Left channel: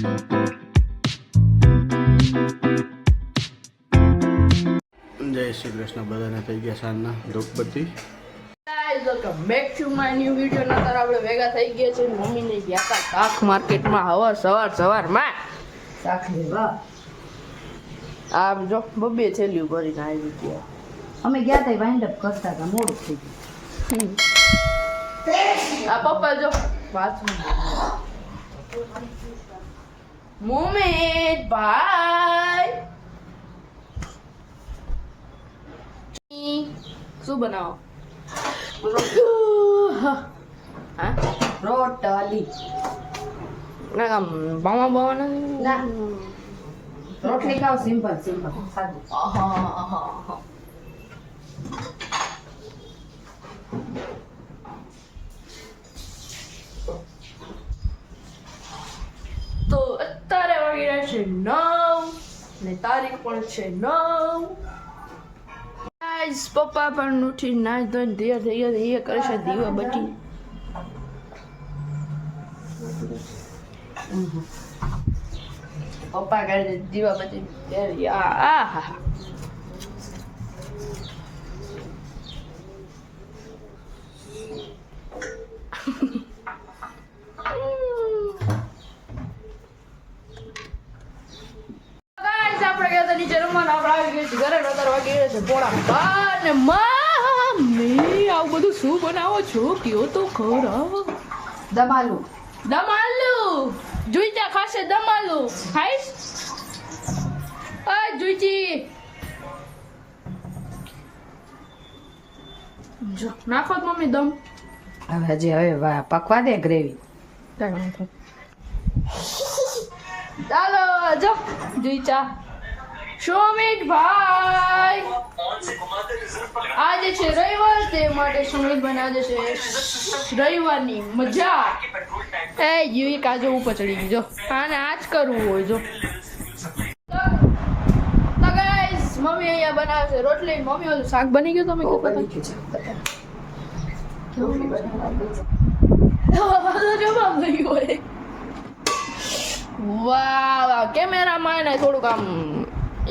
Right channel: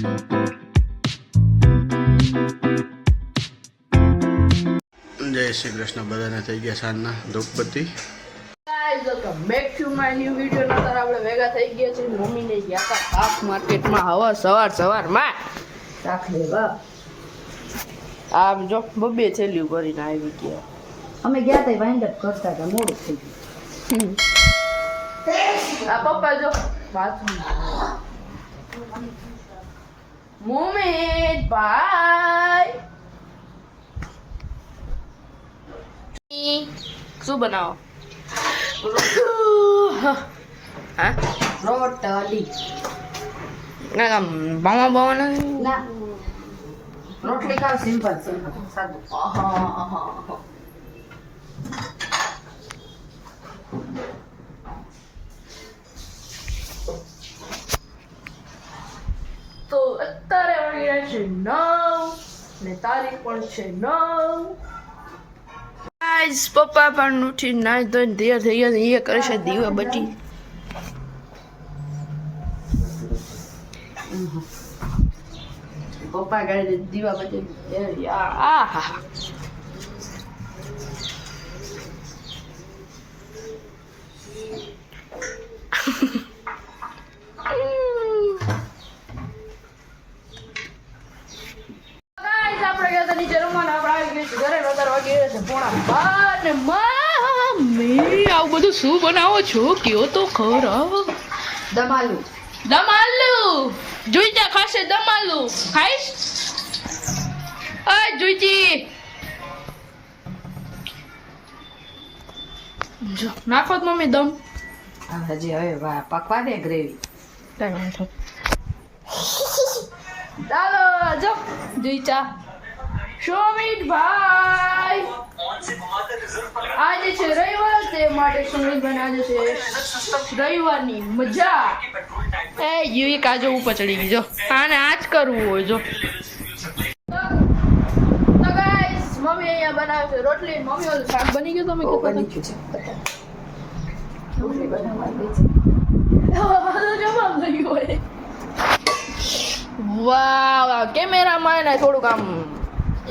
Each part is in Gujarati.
જય શ્રી કૃષ્ણ બધાને થઈ ગયા સાંજના ધૂપબત્તી welcome back to my new video. નતર આપણે ભેગા થઈ ગયા છે મમ્મીને ગયા હતા શાક માર્કેટમાં સવારમાં શાક લેવા. આમ જો બબે થેલીઓ ભરીને આવી ગયા. અમે ગયા હતા વાઇન્ડ અપ કરતા હતા, મોડું થઈ ગયું. આ પપ્પા જો બાથરૂમ મોમેદ ભાઈ શું બનાવો? હા રોટલી આમ બાવા ના, રોટલી ખાવ સિમ્પલ સાદું. તો અત્યારે વાગ્યા છે 9 ને તારીખ પણ છે 9. ગાઈસ પપ્પા પણ ઉઠી નાઈ ધોઈને તૈયાર થઈ ગયા છે. એ કરે છે દીવા બત્તી. પપ્પા કરે છે દીવા બત્તી. આ હા આપણે ગયા હતા નીચે રમવાના. આપણે આવી ગઈ ઘરે અત્યારે વાગી ગયા છે 12:30 ને મમ્મી આવું બધું શું બનાવો છો કયો તો ખરા. દમાલુ જોઈ જા ખાશે. દમાલુ ખાઈશ? આ જોઈજી જો નાખો તો મમ્મી દમ. હવે પકવા દે ગ્રેવી. ચાલો જો જોઈ ચા સુમિત ભાઈ. આજે છે રવિવાર, તે માટે સુમિત બનાવે છે રવિવારની મજા. એ યુઈ કાજો ઉપર ચડી ગઈ જો. આને આજ કરવું હોય જો. તો ગાઈસ મમ્મી અહીંયા બનાવે છે રોટલી. મમ્મી ઓલું શાક બની ગયું. તમે કેટલા જવાબ નહીં હોય. વાહ કેમેરામાં એને થોડુંક આમ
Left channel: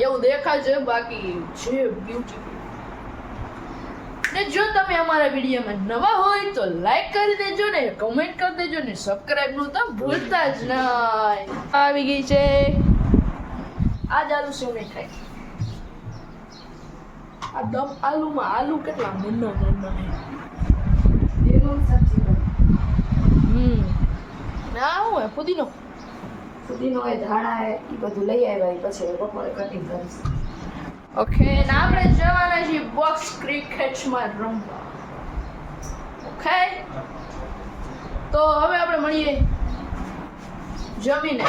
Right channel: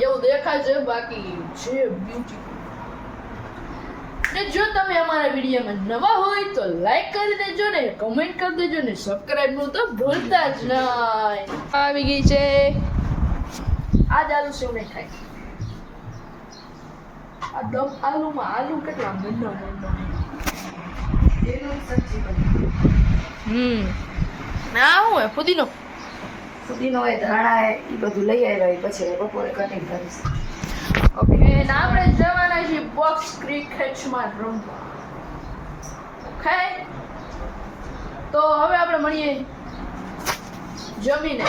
એવું દેખાય છે, બાકી છે બ્યુટીફુલ. ને જો તમે અમારા વિડીયોમાં નવા હોય તો લાઈક કરી દેજો ને કમેન્ટ કરી દેજો ને સબસ્ક્રાઇબ નું તો ભૂલતા જ નહીં. આવી ગઈ છે આજ આલુ સેવ નહીં ખાય. આ દમ આલુમાં આલુ કેટલા નાના ના હોય પુદીનો હોય, ધાણા હોય, એ બધું લઈ આવ્યા પછી બપોરે કટિંગ કરીશ. ઓકે ને આપણે જવાના છીએ બોક્સ ક્રિકેટમાં રમવા. ઓકે તો હવે આપણે મળીએ જમીને.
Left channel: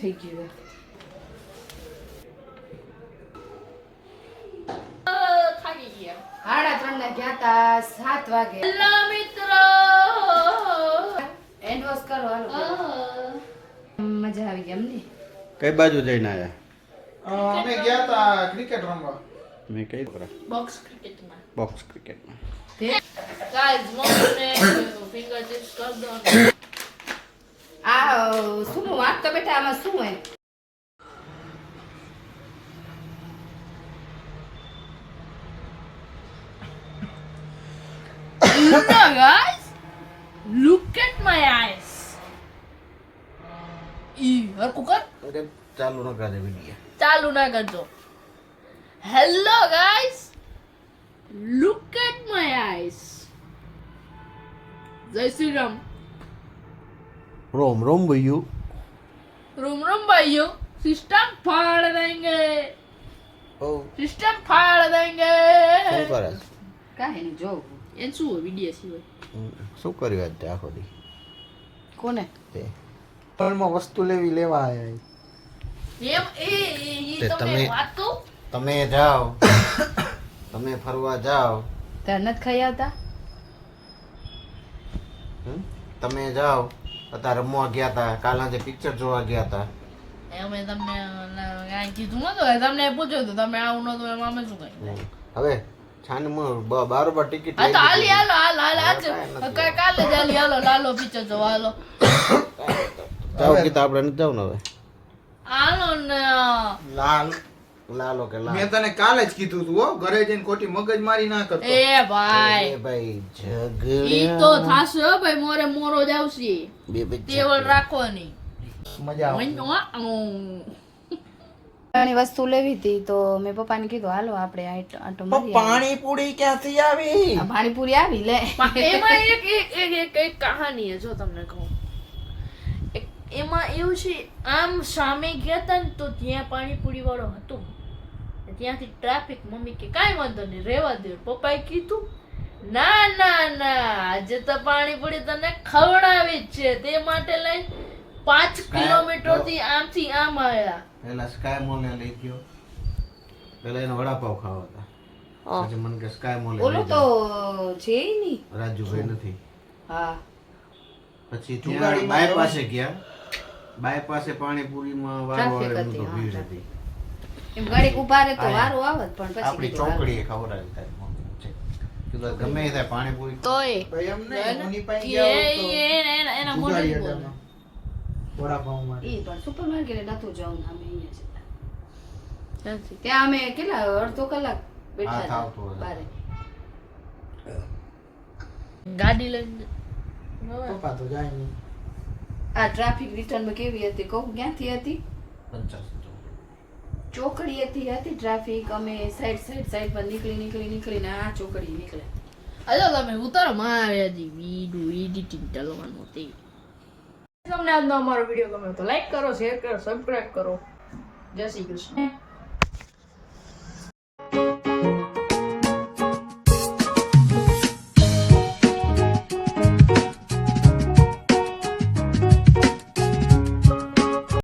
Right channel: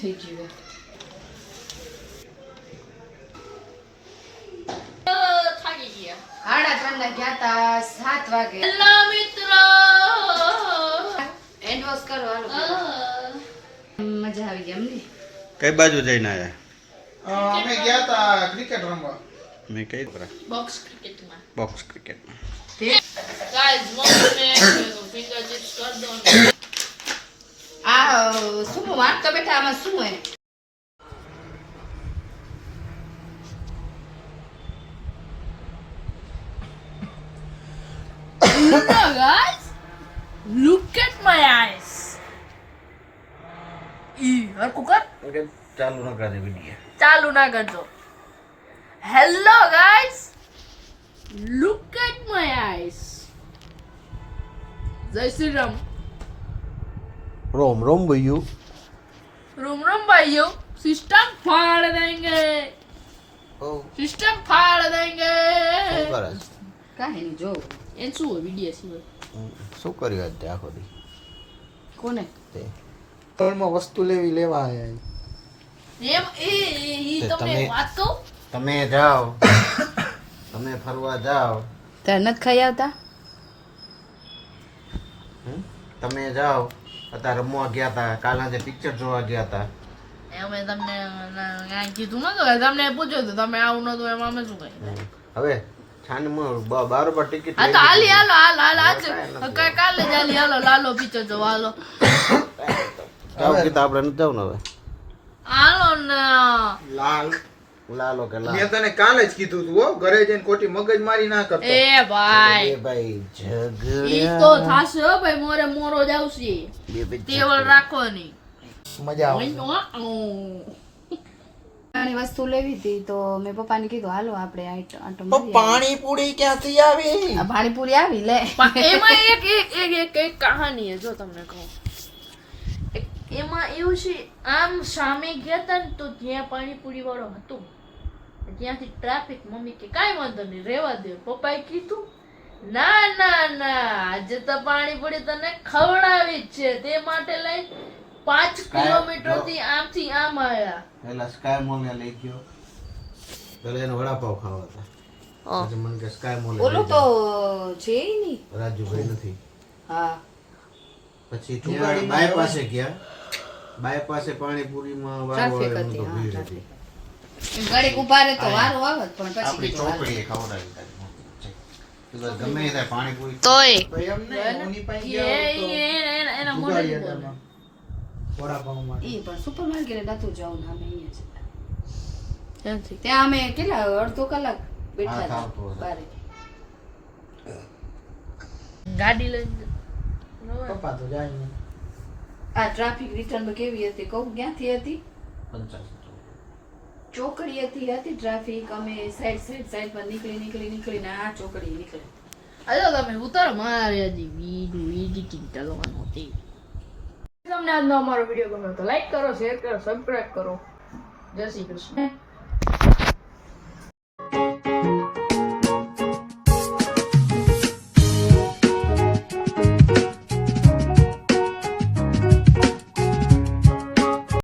થઈ ગયું. થાકી ગયા. 3:30 ગયા હતા, 7 વાગે. હેલો મિત્રો, એન્ડ વોશ કરો હાલો. મજા આવી ગઈ અમને. કઈ બાજુ જઈને આયા? અમે ગયા હતા ક્રિકેટ રમવા. મેં કઈ બોક્સ ક્રિકેટમાં. બોક્સ ક્રિકેટમાં. ગાઈસ મમ્મીને ફિંગર ચિપ્સ કર દો ને. આ શું વાંચતા બેઠા? આમાં શું હોય? Guys, look at my eyes. હરકું કર. ઓકે ચાલુ ન કરે વિડિયો. ચાલુ ના કરજો. Hello guys, look at my eyes. જય શ્રી રામ. રોમ રોમ ભૈયું. રોમ રોમ ભાઈઓ. સિસ્ટમ ફાड़ देंगे. સિસ્ટમ ફાड़ देंगे. શું કરે? કાંઈ નહીં જો. એન શું હોય વિડિયો સિવાય? શું કર્યું આજ તે આખો દી? કોને? તે તળમાં વસ્તુ લેવા આયા. એમ તે તમને તમે- વાત કહું તમે જાઓ તમે ફરવા જાઓ તાર નથી ખાઈ આવતા હમ? તમે જાઓ અત્યારે રમવા ગયા હતા કાલના જે પિક્ચર જોવા ગયા હતા અમે તમને કાંઈ કીધું નતું તમને પૂછ્યું હતું તમે આવું નતું એમાં અમે શું કહી હમ. હવે છાનમાં બારોબાર ટિકિટ હા લઈ તો હાલી લીધી. હાલો આજ કાંઈ નથી. કાલે જ હાલી હાલો લાલો પિક્ચર જોવા હાલો જાઓ કીધું આપણે નથી જવું ને હવે હાલો ને લાલ લાલો કે લાલ મેં તને કાલે જ કીધું તું હો ઘરે જઈને ખોટી મગજ મારી ના કરતો એ ભાઈ એ ભાઈ ઈ ઝઘડ્યા તો થાશે હો ભાઈ મોરે મોરો જ આવશે બે બે ટેવલ રાખો નહીં મજા આવે ઘણી વસ્તુ લેવી હતી તો મેં પપ્પાને કીધું હાલો આપણે આટો મારી આવીએ. પાણીપુરી ક્યાંથી આવી આ પાણીપુરી આવી લે એમાં એક કહાની છે જો તમને કહું એમાં એવું છે આમ સામે ગયા તા ને તો ત્યાં પાણીપુરી વાળો હતો ત્યાંથી ટ્રાફિક મમ્મી કે કાંઈ વાંધો નહીં રહેવા દે પપ્પાએ કીધું ના ના ના આજે તો પાણીપુરી તને ખવડાવી જ છે તે માટે લઈ 5 કિલોમીટર થી આમથી આમ આવ્યા પેલા સ્કાય મોલ ને લઈ ગયો પેલા એને વડાપાવ ખાવા હતા પછી મને કે સ્કાય મોલ ઓલું તો છે ય નહીં રાજુભાઈ નથી હા પછી ત્યાં બાય પાસે ગયા બાય પાસે પાણીપુરીમાં વારો Traffic આવે એમ તો હતી, ભીડ હા, હતી એમ ઘડીક ઊભા રહે તો વારો આવે જ, પણ પછી આપણી કીધું હાલો. ચોકડીએ ખવડાવી તારી મમ્મી. કીધું ગમે એ થાય પાણીપુરી તોય ભાઈ એમ નહીં મોની પાસે એ ગયા એના મોઢે જુગાડી બોલે હતા વડાપાઉંમાં. ઈ પણ સુપર માર્કેટ નતું જવું ને અમે અહીંયા જ ત્યાંથી ત્યાં અમે કેટલા અડધો કલાક બેઠા હા, હતા થાવતો હતો. બારે. ગાડી લઈને પપ્પા તો જાય નહીં. આ ટ્રાફિક રિટર્ન કેવી હતી કહું ક્યાંથી હતી 50. ચોકડીએથી હતી ટ્રાફિક અમે સાઈડ પર નીકળીને આ ચોકડી નીકળે અજો તમે ઉતારો મારે હજી વિડિયો એડિટિંગ ચાલવાનું હતી તમને આજનો અમારો વિડીયો ગમ્યો તો લાઈક કરો શેર કરો સબસ્ક્રાઇબ કરો જય શ્રી કૃષ્ણ